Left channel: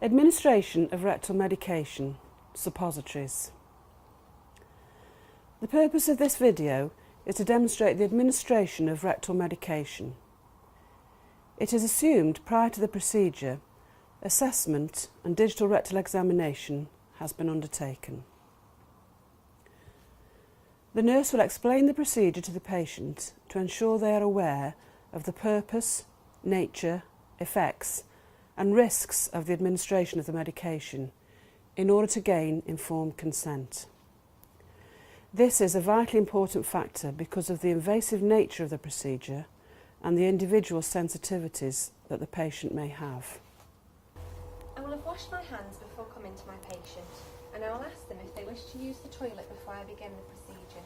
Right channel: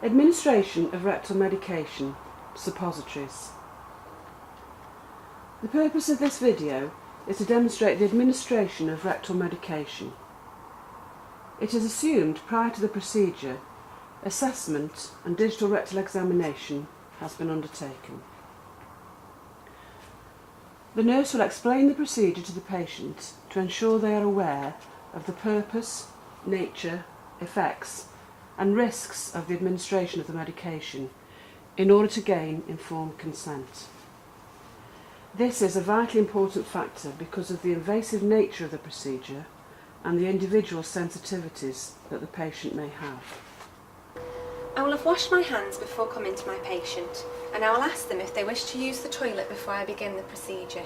Administration of rectal medication, suppositories. The purpose of this video is to demonstrate the administration of rectal medication. It is assumed prior to the procedure, assessment and digital rectal examination has been undertaken. The nurse will explain the procedure to the patient to ensure they are aware of the purpose, nature, effects and risks of the administration of the medication in order to gain informed consent. This is a vitally important factor because of the invasive nature of the procedure and the individual sensitivities that the patient may have. I will have washed my hands before coming to my patient, and I will ask them if they wish to use the toilet before I begin the procedure.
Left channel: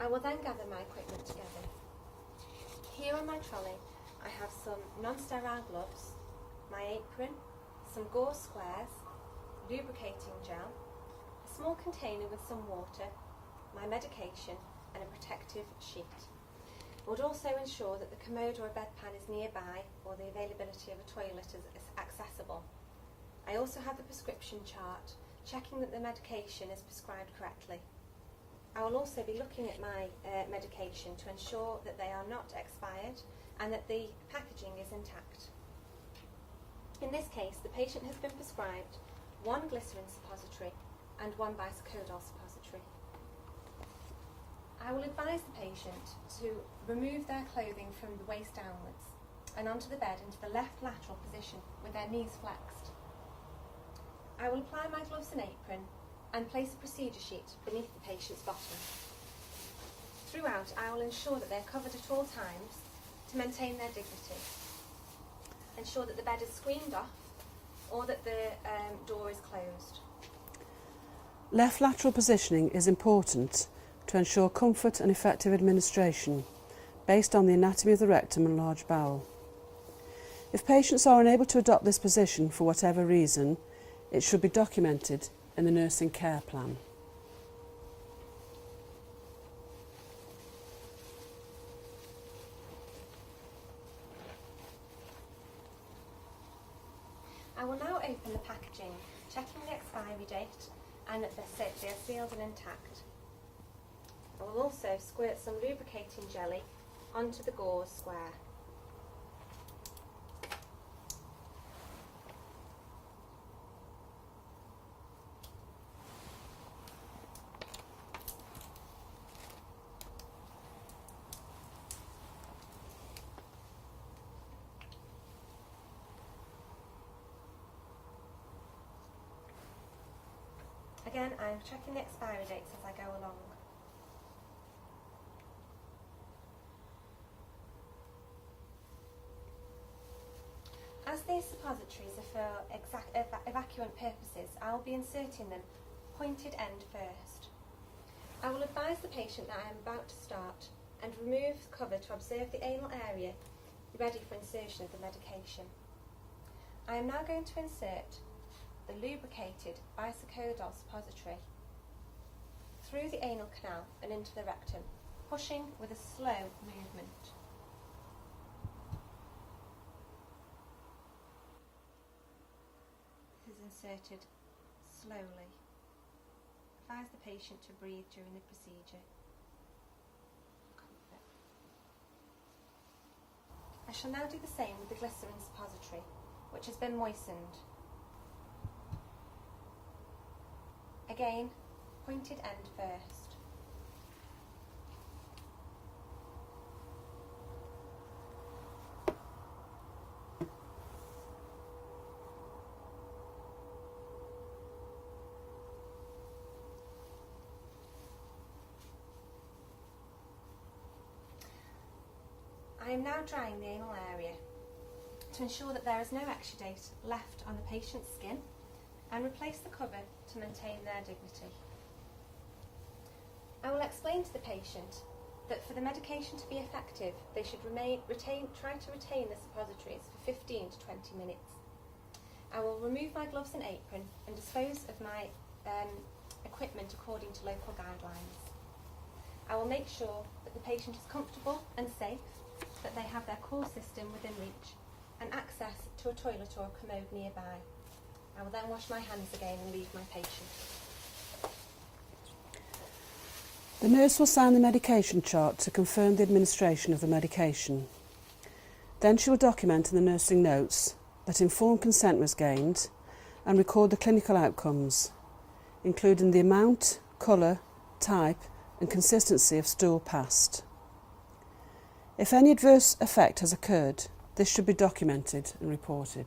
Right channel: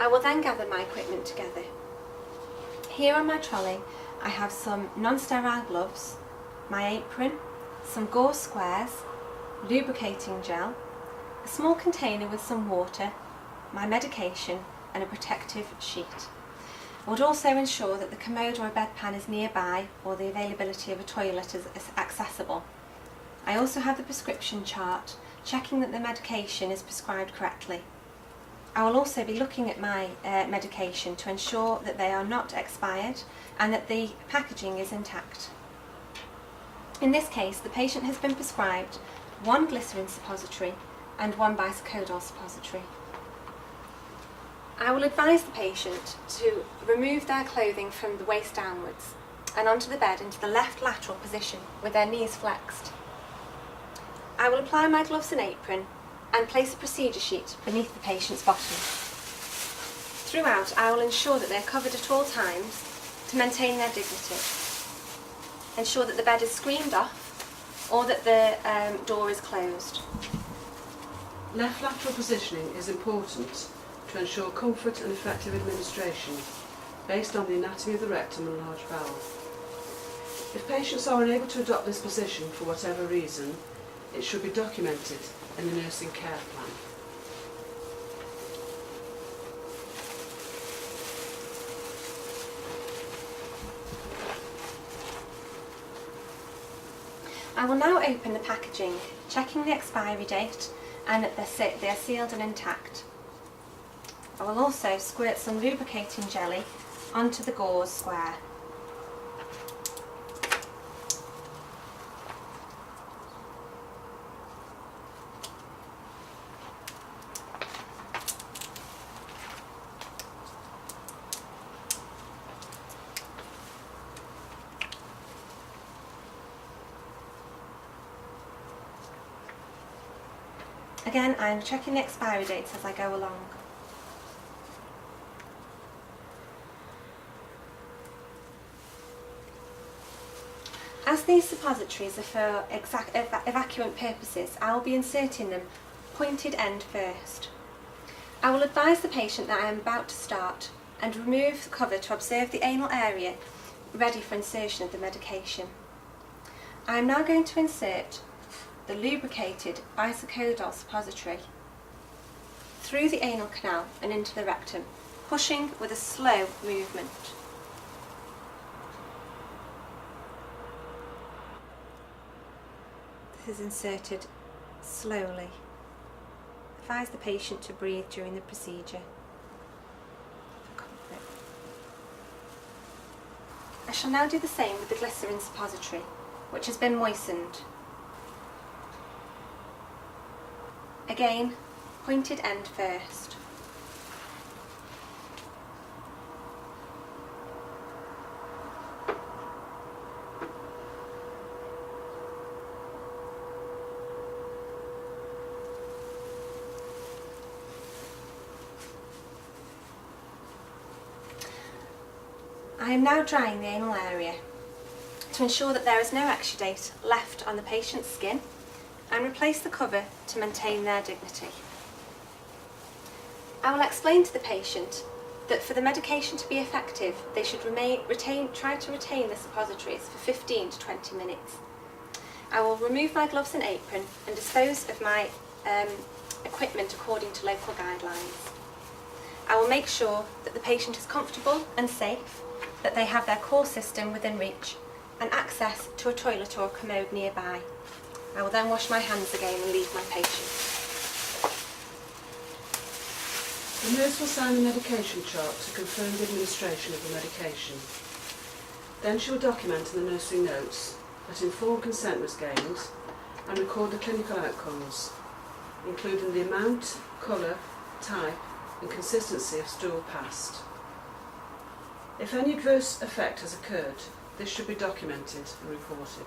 I will then gather my equipment together. Here on my trolley I have some non-sterile gloves, my apron, some gauze squares, lubricating gel, a small container with some water, my medication and a protective sheet. I would also ensure that the commode or a bedpan is nearby or the availability of a toilet is accessible. I also have the prescription chart, checking that the medication is prescribed correctly. I will also be looking at my medication to ensure that they are not expired and that the packaging is intact. In this case, the patient has been prescribed one glycerin suppository and one bisacodol suppository. I will advise the patient to remove their clothing from the waist downwards and onto the bed into the left lateral position with their knees flexed. I will apply my gloves and apron and place a procedure sheet beneath the patient's bottom. Throughout, I will ensure that they are covered at all times to maintain their dignity. Ensure that the bed is screened off or that the door is closed. Left lateral positioning is important to ensure comfort and effective administration based on the anatomy of the rectum and large bowel. If patients are unable to adopt this position for whatever reason, it should be documented in the nursing care plan. I will now open the packaging, checking the expiry date and that they are sealed and intact. I will also squirt some lubricating jelly onto the gauze square. Again, I am checking the expiry dates as I go along. As these suppositories are for evacuant purposes, I will be inserting them pointed end first. I will advise the patient that I am about to start and remove the cover to observe the anal area ready for insertion of the medication. I am now going to insert the lubricated bisacodol suppository through the anal canal and into the rectum, pushing with a slow movement. This is inserted slowly. Advise the patient to breathe during the procedure for comfort. I shall now do the same with the glycerin suppository, which has been moistened. Again, pointed end first. I am now drying the anal area to ensure that there is no exudate left on the patient's skin and replace the cover to maintain their dignity. I will explain to the patient that for the medication to be effective, they should try to retain the suppositories for 15 to 20 minutes. I will remove my gloves and apron and dispose of my equipment according to local guidelines. I will make sure that the patient is comfortable and safe, that they have their core system within reach, and access to a toilet or commode nearby. I will then wash my hands again and leave my patient. The nurse will sign the medication chart to confirm the administration of the medication. Then she will document in the nursing notes that informed consent was gained and record the clinical outcomes, including the amount, colour, type and consistency of stool passed. If any adverse effect has occurred, this should be documented and reported.